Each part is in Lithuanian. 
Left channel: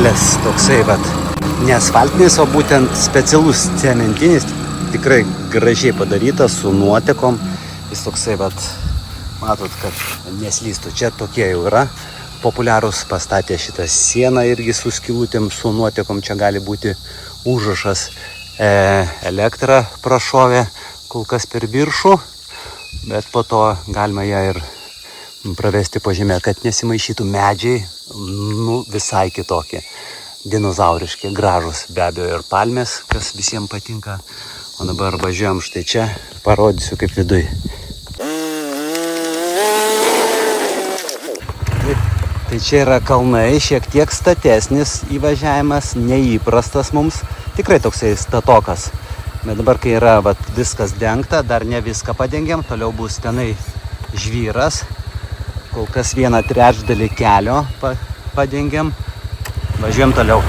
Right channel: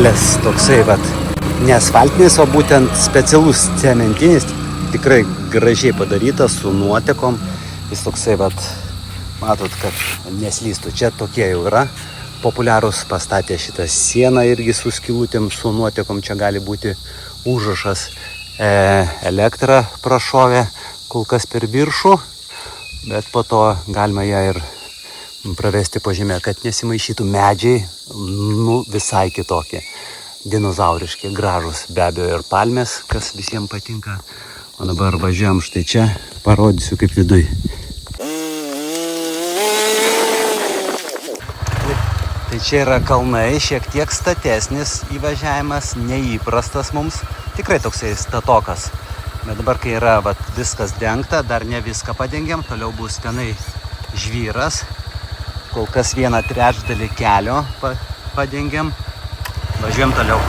kelias toksai, ne asfaltinis, o būtent specialus cementinis, tikrai gražiai padarytas su nuotekom. Jis toksai, matot, kad neslystų. Čia tokie jau yra populiarūs, pastatė šitą sieną irgi su skylutėm, su nuotekom. Čia gali būti užrašas elektrą prašovė kol kas per viršų, bet po to galima ją ir pravesti pažymę, kad nesimaišytų medžiai, visai kitokie, dinozauriški, gražus, be abejo ir palmės, kas visiems patinka. O dabar važiuojam štai čia, parodysiu kaip viduj. Tai čia yra kalnai, šiek tiek statesnis įvažiavimas, neįprastas mums, tikrai toksai statokas. Bet dabar, kai yra viskas dengta, dar ne viską padengiam, toliau bus tenai žvyras. Kol kas 1/3 kelio padengiam, važiuojam toliau.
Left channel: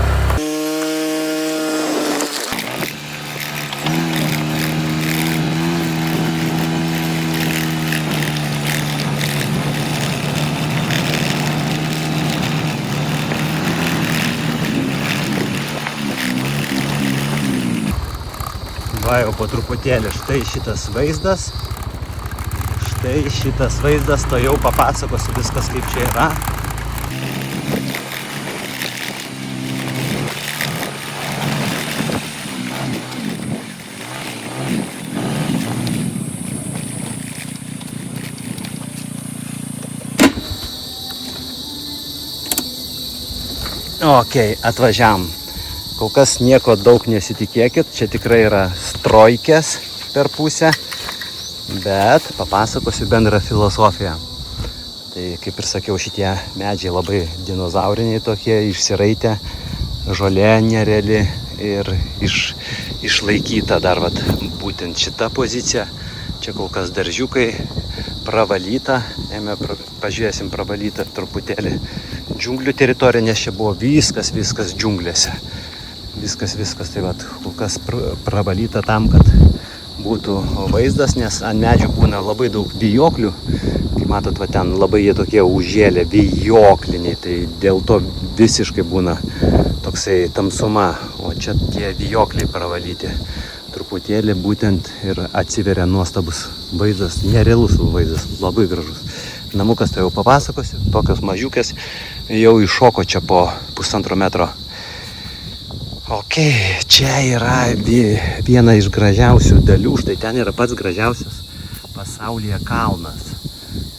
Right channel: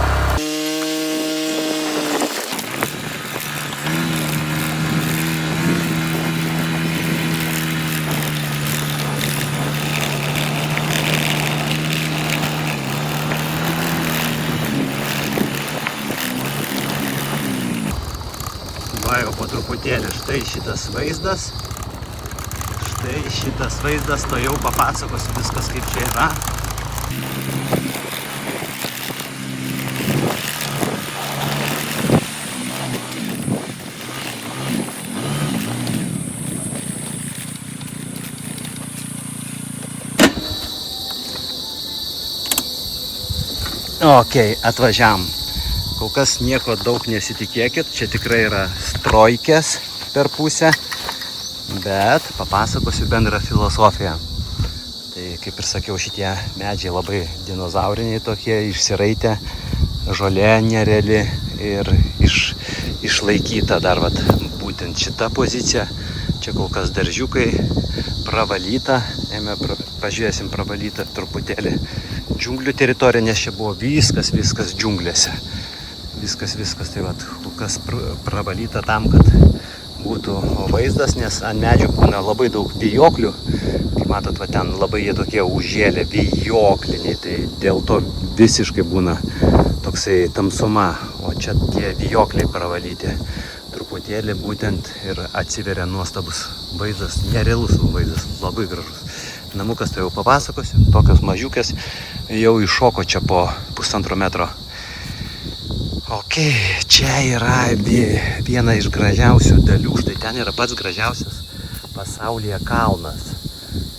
Jau po truputėlį štai šitas vaizdas, to jau papasakosiu viskas kaip čia yra. Ok, atvažiavam. Kol kas nieko daug nesitikėkit, čia tikrai yra strojkės per pusę, bet papasakosiu bendrą filosofiją. Tai kaip ir sakiau, šitie medžiai labai dinozauriniai tokie, išsiraitę, žolė nereali ir išlaikyta dar būtent šita pozicija. Čia kol kas daržiukai, pravalyta, pažiūrėsim pravalyta truputėlį džiunglių teritorija, nes čia buvo viskas džiunglėse. Viskas, tai kol kas pravalyta tam, kad būtų vaizdas, nes ant medžių būna labai daug vijoklių. Kaip matot, ten labai jie tokie užžėlę, vijokliniai, tai dėl to visiškai būna toksai tamsuma, o čia tie vijokliai pravalyti. Truputėlį būtent ir atsiveria nuostabus vaizdas, nerealus vaizdas, labai gražus. Namukas tai jau papasakosiu, tokios mažiukės, jau iššoko čia po 1,5 metro. Ok, čia yra viena iš gražiausių dalių, štai ten yra pats gražiausias pasaulyje kalnas.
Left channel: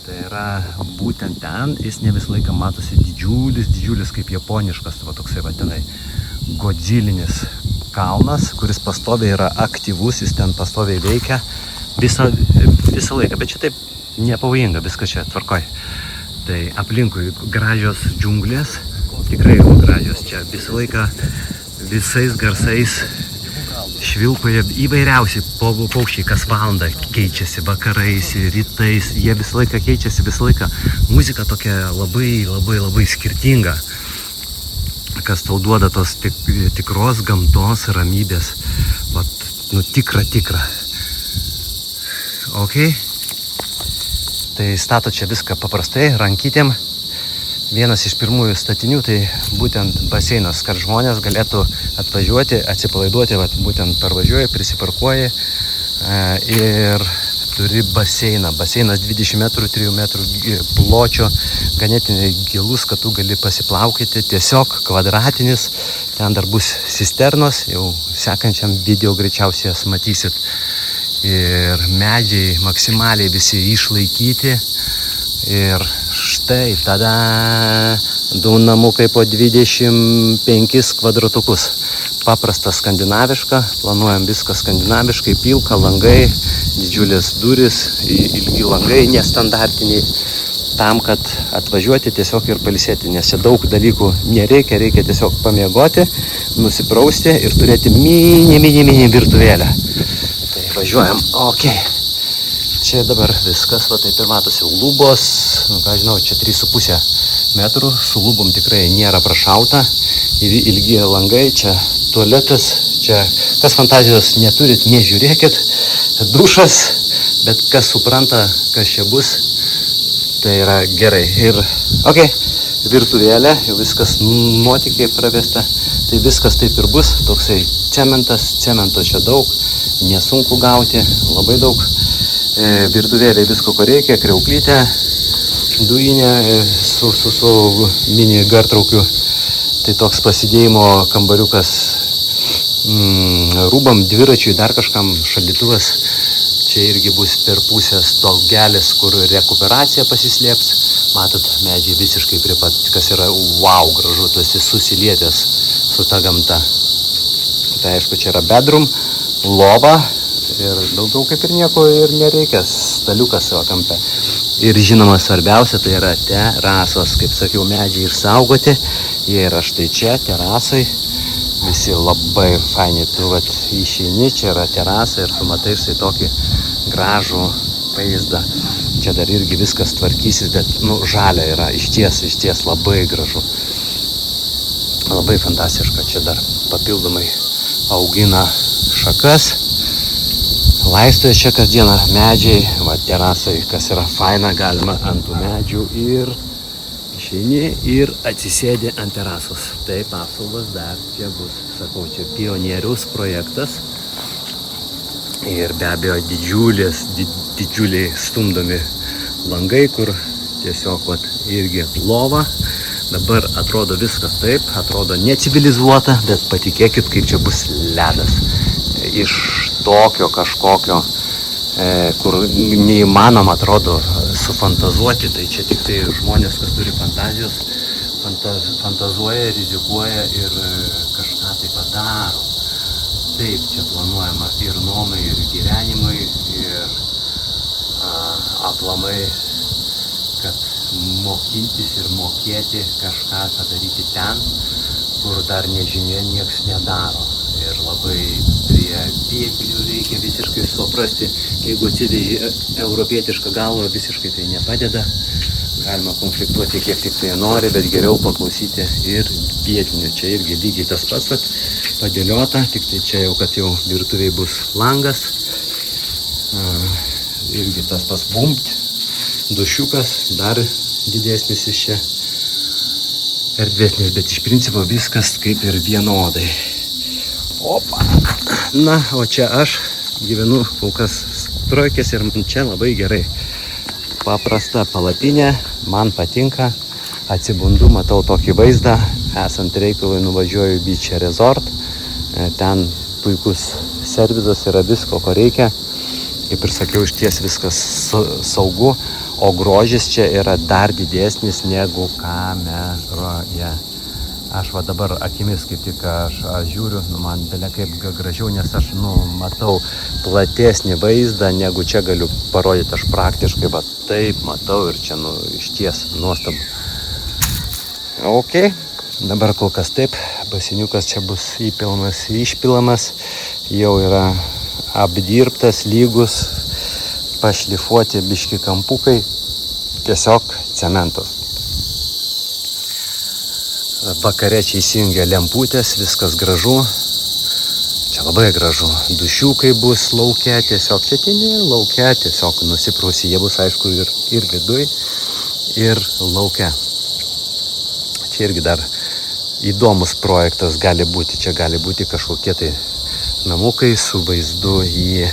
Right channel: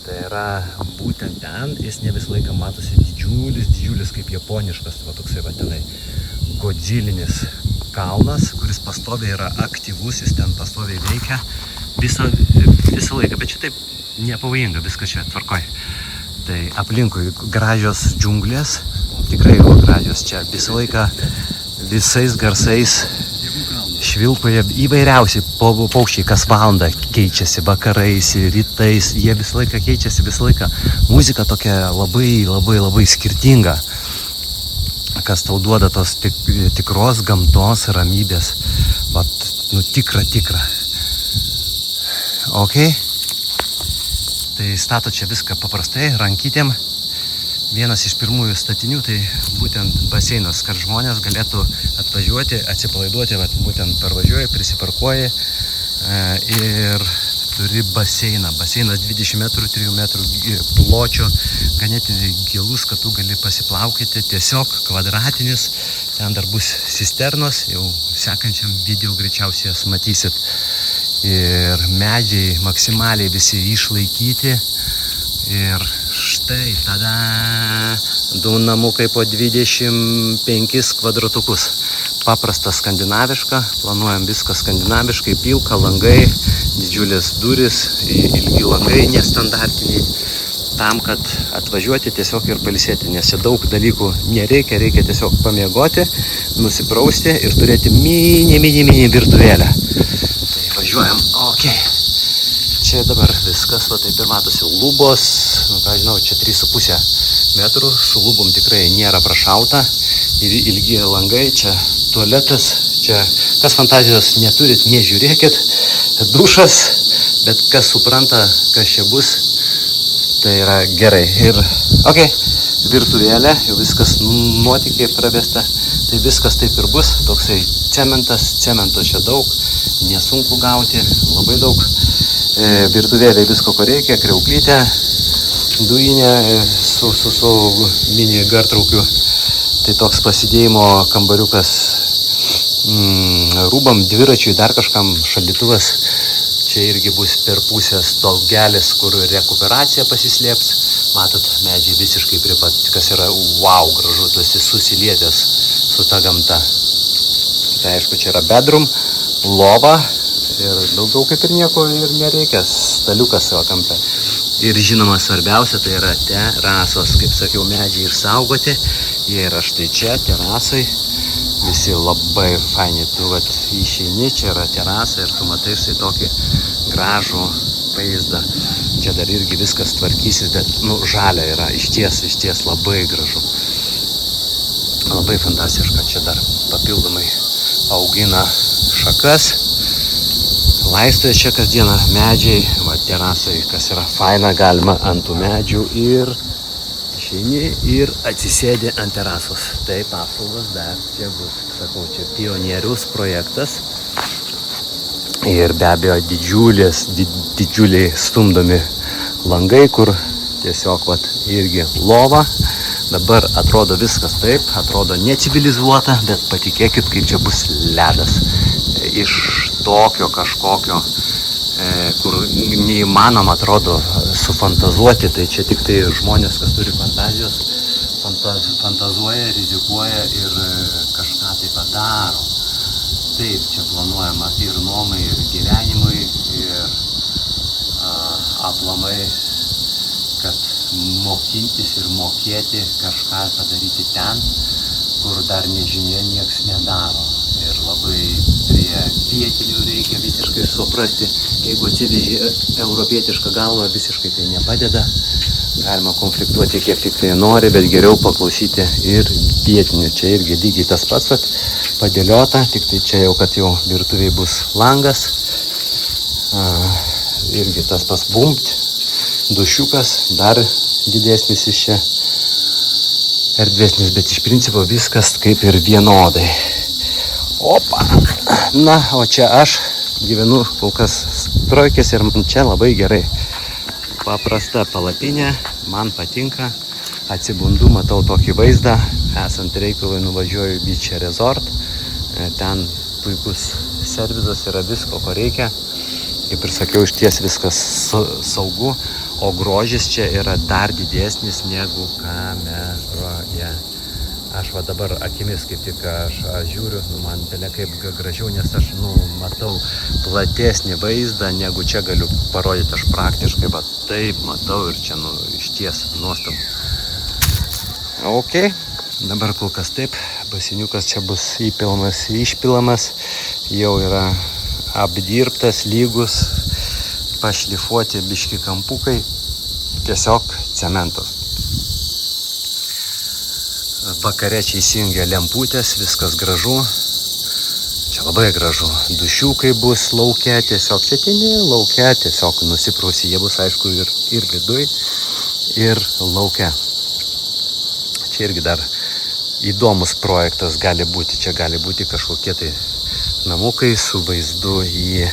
Tai yra būtent ten, jis ne visą laiką matosi didžiulis kaip japoniškas, toksai tenai godzilinis kalnas, kuris pastoviai yra aktyvus, jis ten pastoviai veikia visą laiką, bet čia taip nepavojinga, viskas čia tvarkoj. Tai aplinkui gražios džiunglės, tikrai jau gražios čia visą laiką. Visais garsais švilpauja įvairiausiai paukščiai, kas valandą keičiasi, vakarais, rytais, jie visą laiką keičiasi, visą laiką muzika tokia labai skirtinga, kas tau duoda tos tikros gamtos ramybės, tikra. Ok, tai stato čia viską paprastai, rankytėm. Vienas iš pirmųjų statinių tai būtent baseinas, kad žmonės galėtų atvažiuoti, atsipalaiduoti, būtent parvažiuoji, prisiparkuoji ir turi baseiną. Baseinas 20 metrų, 3 metrų pločio, ganėtinai gilus, kad tu gali pasiplaukyti, tiesiog kvadratinis. Ten dar bus cisternos, jau sekančiam video greičiausiai jas matysit. Ir medžiai maksimaliai visi išlaikyti. Ir štai tada du namukai po 25 kvadratukus. Paprasta skandinaviška, planuojam viską skandinaviškai, pilka langai, didžiulės durys, ilgi langai, nestandartiniai, tam, kad atvažiuoti tiesiog ir pailsėti, nes čia daug dalykų nereikia, reikia tiesiog pamiegoti, nusiprausti ir turėti mini virtuvėlę. Tai važiuojam, ok. Čia dabar viskas, taip ir matosi, lubos, čia 3,5 metrų, su lubom tikrai nėra prašauta, ilgi langai, čia tualetas, čia kas fantazijos neturit, nežiūrėkit, dušas, bet kas supranta, kas čia bus, tai yra gerai. Ir, ok, virtuvėlė, jau viskas nuotykiai pravesta, tai viskas taip ir bus, toksai cementas, cemento čia daug, nesunku gauti, labai daug, virtuvėlė visko ko reikia, kriauklytė, dujinė su mini gartraukiu, tai toks pasidėjimo kambariukas rūbam, dviračiui, dar kažkam, šaldytuvas, čia irgi bus per pusės stogelis, kur rekuperacija pasislėps. Matot, medžiai visiškai prie pat, kas yra wow, gražu, tu esi susilietęs su ta gamta. Tai aišku, čia yra bedroom, lova ir daugiau kaip ir nieko ir nereikia, staliukas savo kampe. Ir žinoma, svarbiausia tai yra terasos, kaip sakiau, medžiai išsaugoti, jie yra štai čia, terasai, visi labai faini, tu vat išeini, čia yra terasa ir tu matai štai tokį gražų vaizdą. Čia dar irgi viskas tvarkysis, bet, žalia yra, išties labai gražu. Labai fantastiška, čia dar papildomai augina šakas, laistoja čia kasdieną medžiai, va terasai, kas yra faina, galima ant tų medžių ir išeini ir atsisėdi ant terasos. Taip, apsaugos dar čia bus, sakau, čia pionierius projektas. Ir be abejo didžiuliai stumdomi langai, kur tiesiog irgi lova. Dabar atrodo viskas taip, atrodo necivilizuota, bet patikėkit, kaip čia bus ledas. Iš tokio kažkokio, kur neįmanoma atrodo sufantazuoti, tai čia tik tai žmonės, kas turi fantazijos, fantazuoja, rizikuoja ir kažką tai padaro. Taip, čia planuojama ir nuomai, ir gyvenimui, ir aplamai, kad mokintis ir mokėti kažką padaryti ten, kur dar nežinia nieks nedaro. Ir labai prie vietinių reikia visiškai suprasti, jeigu atsiveži europietišką galvą, visiškai tai nepadeda. Galima konfliktuoti kiek tik tai nori, bet geriau paklausyti ir vietinių. Čia irgi lygiai tas pats padėliota, tik tai čia jau, kad jau virtuviai bus langas. Irgi tas pats bumpt, dušiukas, dar didesnis iš čia, erdvesnis, bet iš principo viskas kaip ir vienodai. Opa! Na, o čia aš gyvenu kol kas Strojkės ir man čia labai gerai. Paprasta palapinė, man patinka, atsibundu, matau tokį vaizdą, esant reikalui nuvažiuoju į Beach Resort, ten puikus servizas, yra visko, ko reikia, kaip ir sakiau, išties viskas saugu, o grožis čia yra dar didesnis negu kameroje. Aš va dabar akimis kaip tik aš žiūriu, man belia kaip gražiau, nes aš matau platesnį vaizdą, negu čia galiu parodyti aš praktiškai, bet taip matau ir čia išties nuostabu. Ok, dabar kol kas taip, basiniukas čia bus įpilamas, išpilamas, jau yra apdirbtas, lygus, pašlifuoti biški kampukai, tiesiog cementas. Vakare čia įsijungia lemputės, viskas gražu, čia labai gražu, dušiukai bus lauke, tiesiog čia lauke, tiesiog nusiprausi, jie bus aišku ir viduj, ir lauke. Čia irgi dar įdomus projektas gali būti, čia gali būti kažkokie tai namukai su vaizdu į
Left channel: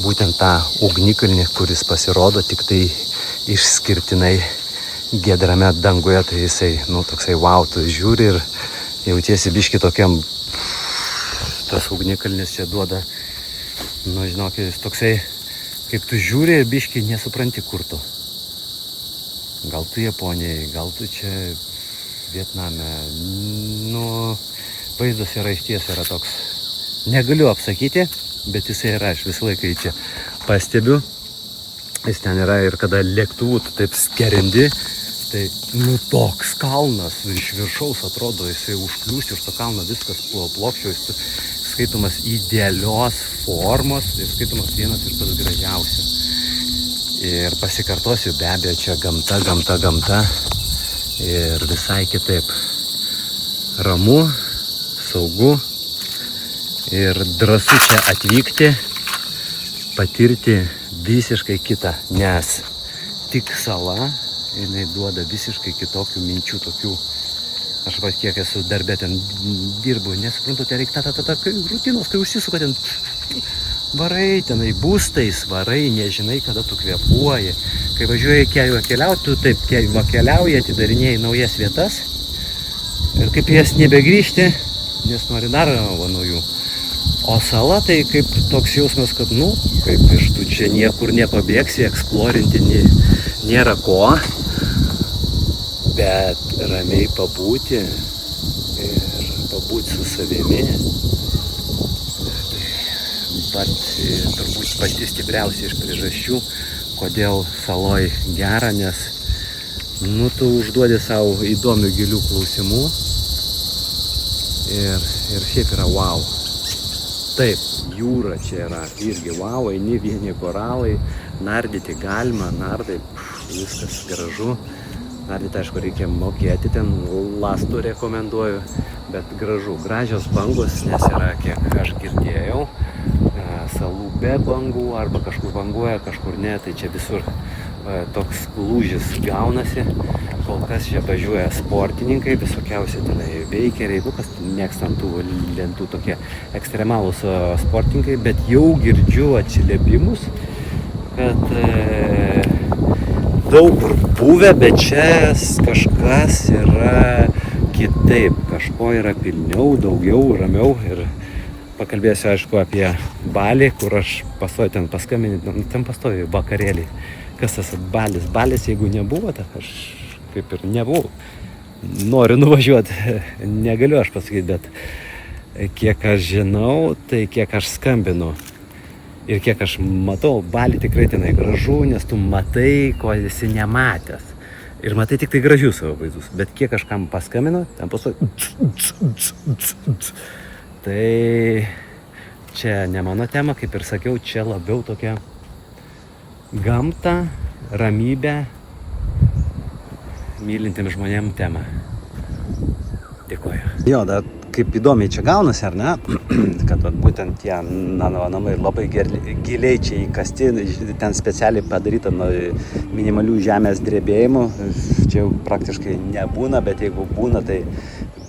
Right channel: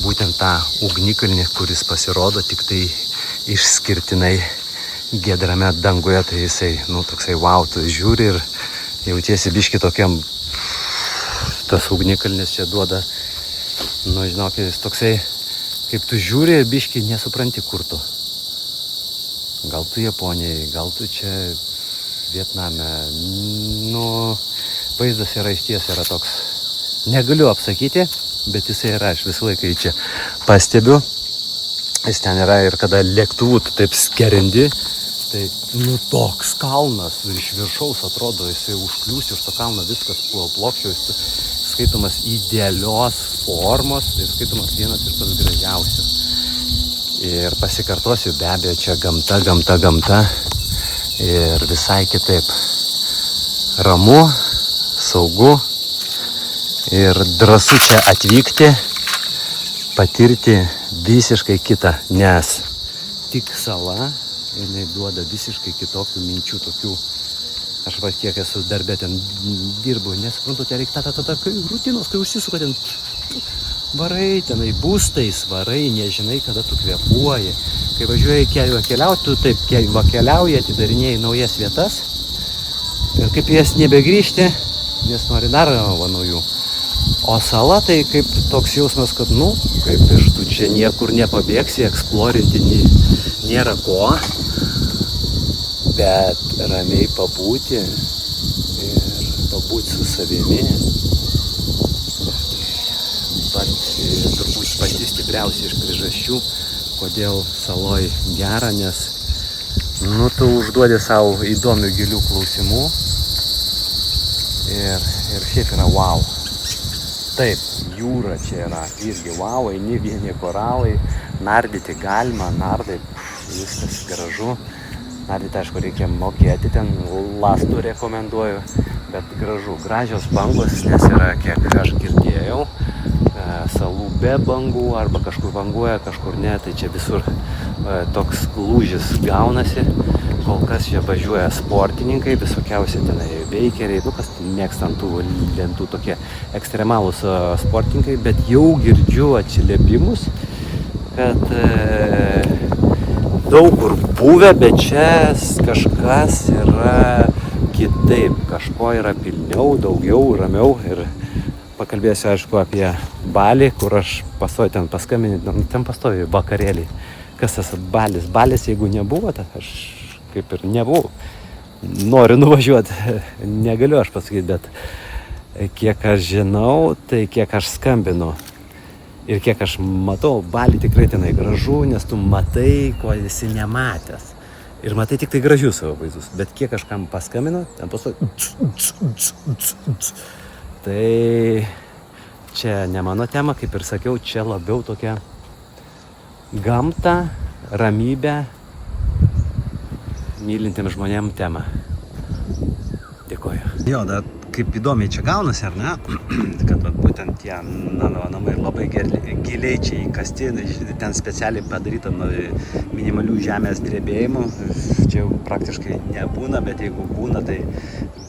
būtent tą ugnikalnį, kuris pasirodo tik tai išskirtinai gidrame danguje, tai jisai, toksai wow, tu žiūri ir jautiesi biški tokiam, tas ugnikalnis čia duoda, žinok, jis toksai, kaip tu žiūri ir biški nesupranti, kur tu. Gal tu Japonijai, gal tu čia Vietname, vaizdas yra išties, yra toks, negaliu apsakyti, bet jisai yra, aš visą laiką čia pastebiu, jis ten yra ir kada lėktuvų tu taip skerindi, tai toks kalnas iš viršaus atrodo, jisai užkliūsti už to kalno, viskas plokščio, jis skaitomas idealios formos ir skaitomas vienas iš tos gražiausių. Ir pasikartosiu, be abejo, čia gamta ir visai kitaip. Ramu, saugu ir drąsu čia atvykti, patirti visiškai kitą, nes tik sala, jinai duoda visiškai kitokių minčių, tokių, aš va kiek esu darbė ten dirbu, nesuprantu, ten reikia kai rutinos, kai užsisuka ten, varai tenai būstais, varai, nežinai, kada tu kvėpuoji. Kai važiuoji keliauti, tu taip keliauji, atidarinėjai naujas vietas ir kaip jas nebegrįžti, nes nori dar naujų. O sala tai kaip toks jausmas, kad, kaip iš tu čia niekur nepabėgsi, eksplorinti nėra ko, bet ramiai pabūti ir pabūti su savimi. Tai turbūt pati stipriausia iš priežasčių, kodėl saloj gera, nes tu užduodi savo įdomių gilių klausimų ir šiaip yra wow. Taip, jūra čia yra irgi wow, eini vieni koralai, nardyti galima, nardai, viskas gražu. Nardyti, aišku, reikia mokėti, ten lastų rekomenduoju, bet gražu, gražios bangos, nes yra, kiek aš girdėjau, salų be bangų, arba kažkur banguoja, kažkur ne, tai čia visur toks lūžis gaunasi. Kol kas čia važiuoja sportininkai, visokiausiai tenai veikeriai, kas mėgstant tų lentų tokie ekstremalūs sportininkai, bet jau girdžiu atsiliepimus, kad daug kur buvę, bet čia kažkas yra kitaip, kažko yra pilniau, daugiau, ramiau ir pakalbėsiu, aišku, apie Balį, kur aš pastoju ten paskambinti, ten pastoju vakarėlį. Kas tas Balis? Balis, jeigu nebuvo, tai aš kaip ir nebuvau. Noriu nuvažiuoti, negaliu aš pasakyti, bet kiek aš žinau, tai kiek aš skambinu ir kiek aš matau, Balį tikrai tenai gražu, nes tu matai, ko esi nematęs. Ir matai tik tai gražius savo vaizdus. Bet kiek aš kam paskambinu, ten pastoju. Tai čia ne mano tema, kaip ir sakiau, čia labiau tokia gamta, ramybė, mylintiems žmonėm tema. Dėkoju. Jo, dar kaip įdomiai čia gaunasi, ar ne? Kad būtent tie namai labai giliai čia įkasti, ten specialiai padaryta nuo minimalių žemės drebėjimų. Čia jau praktiškai nebūna, bet jeigu būna, tai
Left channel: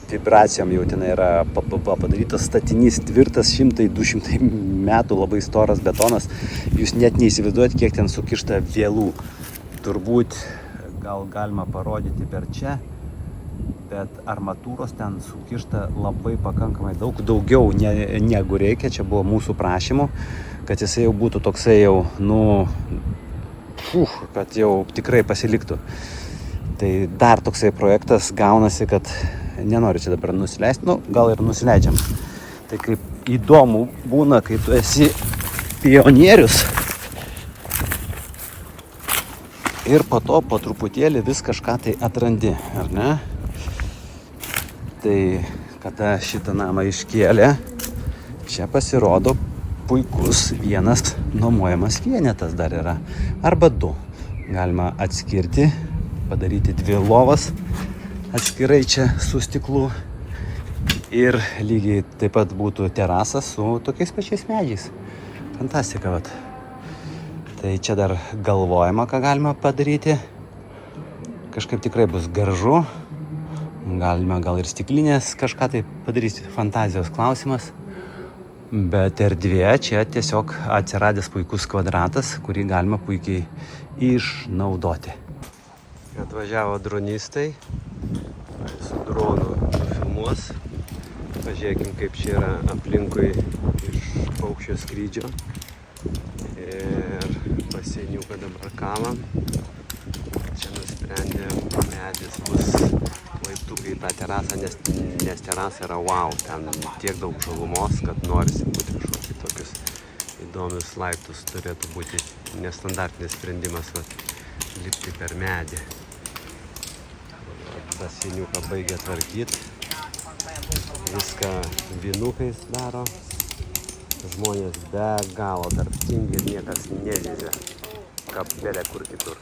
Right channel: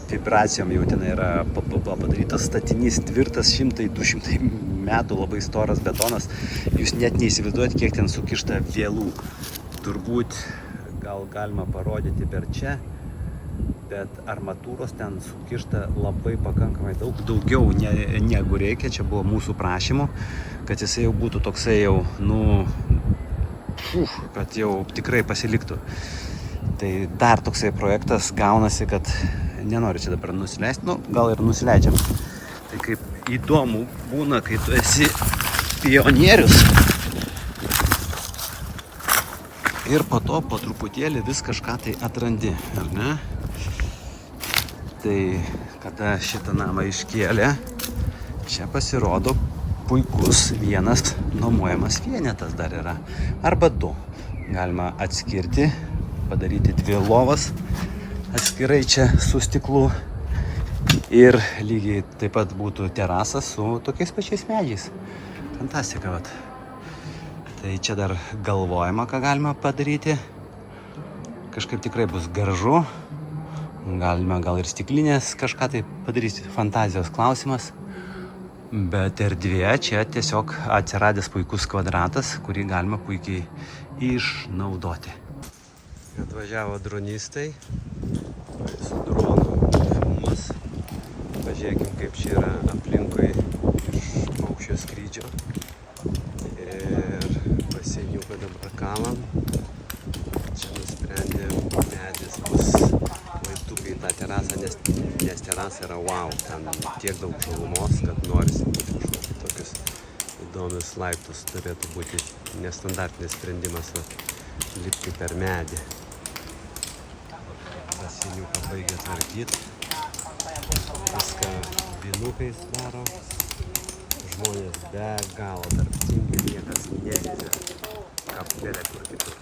vibracijom jau ten yra padarytas statinys tvirtas 100-200 metų, labai storas betonas. Jūs net neįsivaizduojat, kiek ten sukišta vielų. Turbūt gal galima parodyti per čia, bet armatūros ten sukišta labai pakankamai daugiau negu reikia. Čia buvo mūsų prašymų, kad jisai jau būtų toksai jau, kad jau tikrai pasiliktų. Tai dar toksai projektas gaunasi, kad nenoriu čia dabar nusileisti, gal ir nusileidžiam. Tai kaip įdomu būna, kai tu esi pionierius ir po to po truputėlį vis kažką tai atrandi, ar ne? Tai kada šitą namą iškėlė, čia pasirodo puikus vienas nuomojamas vienetas dar yra, arba du. Galima atskirti, padaryti 2 lovas atskirai čia su stiklu ir lygiai taip pat būtų terasas su tokiais pačiais medžiais. Fantastika, vat. Tai čia dar galvojama, ką galima padaryti. Kažkaip tikrai bus gražu. Galima gal ir stiklinės kažką tai padaryti. Fantazijos klausimas. Bet erdvė čia tiesiog atsiradęs puikus kvadratas, kurį galima puikiai išnaudoti. Atvažiavo dronistai. Su dronu filmuos. Pažiūrėkim, kaip čia yra aplinkui iš paukščio skrydžio. Ir pasieniuką dabar kalam. Čia nusprendė medis bus laiptukai į tą terasą, nes terasa yra wow. Ten tiek daug žalumos, kad norisi būti kažkokius tokius įdomius laiptus. Turėtų būti nestandartinis sprendimas lipti per medį. Pasieniuką baigia tvarkyti. Viską vinukais daro. Žmonės be galo darbingi ir niekas nevyzia kapelę kur kitur.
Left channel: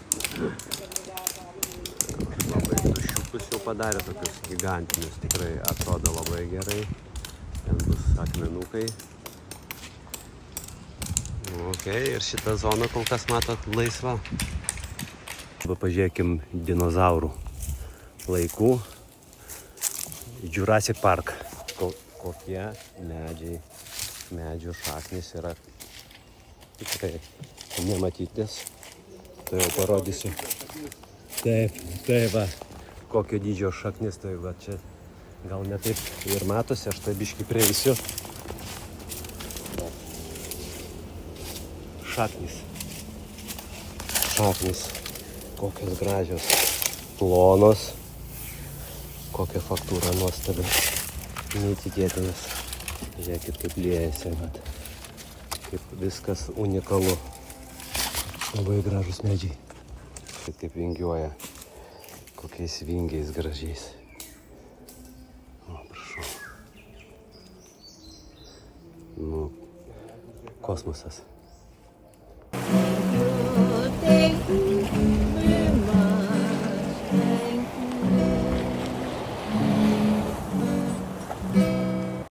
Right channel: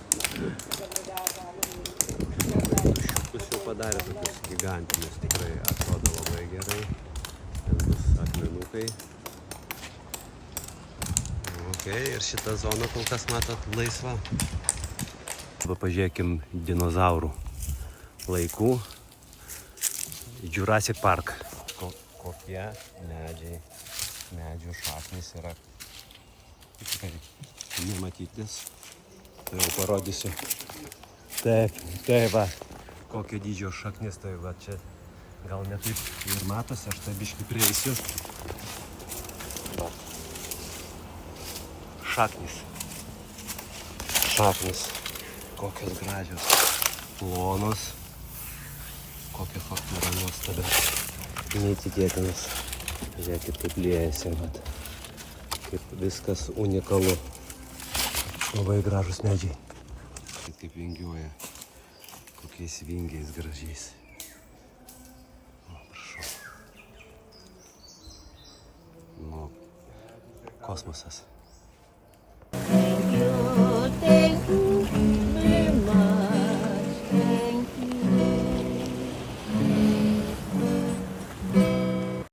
Labai dušiukus jau padarė, tokius gigantinius, tikrai atrodo labai gerai. Ten bus akmenukai. Ok, ir šita zona kol kas matot laisva. Pažiūrėkim dinozaurų laikų. Jurassic Park. Kokie medžių šaknys yra tikrai nematytis. Tai jau parodysiu. Taip, va, kokio dydžio šaknis, tai va čia gal ne taip ir matosi, aš tai biškį prieisiu. Šaknis, kokios gražios, plonos, kokia faktūra nuostabi, neįtikėtinas. Žiūrėkit, kaip liejasi, mat, kaip viskas unikalu. Labai gražus medžiai. Kaip vingiuoja, kokiais vingiais gražiais. O, prašau. Kosmosas.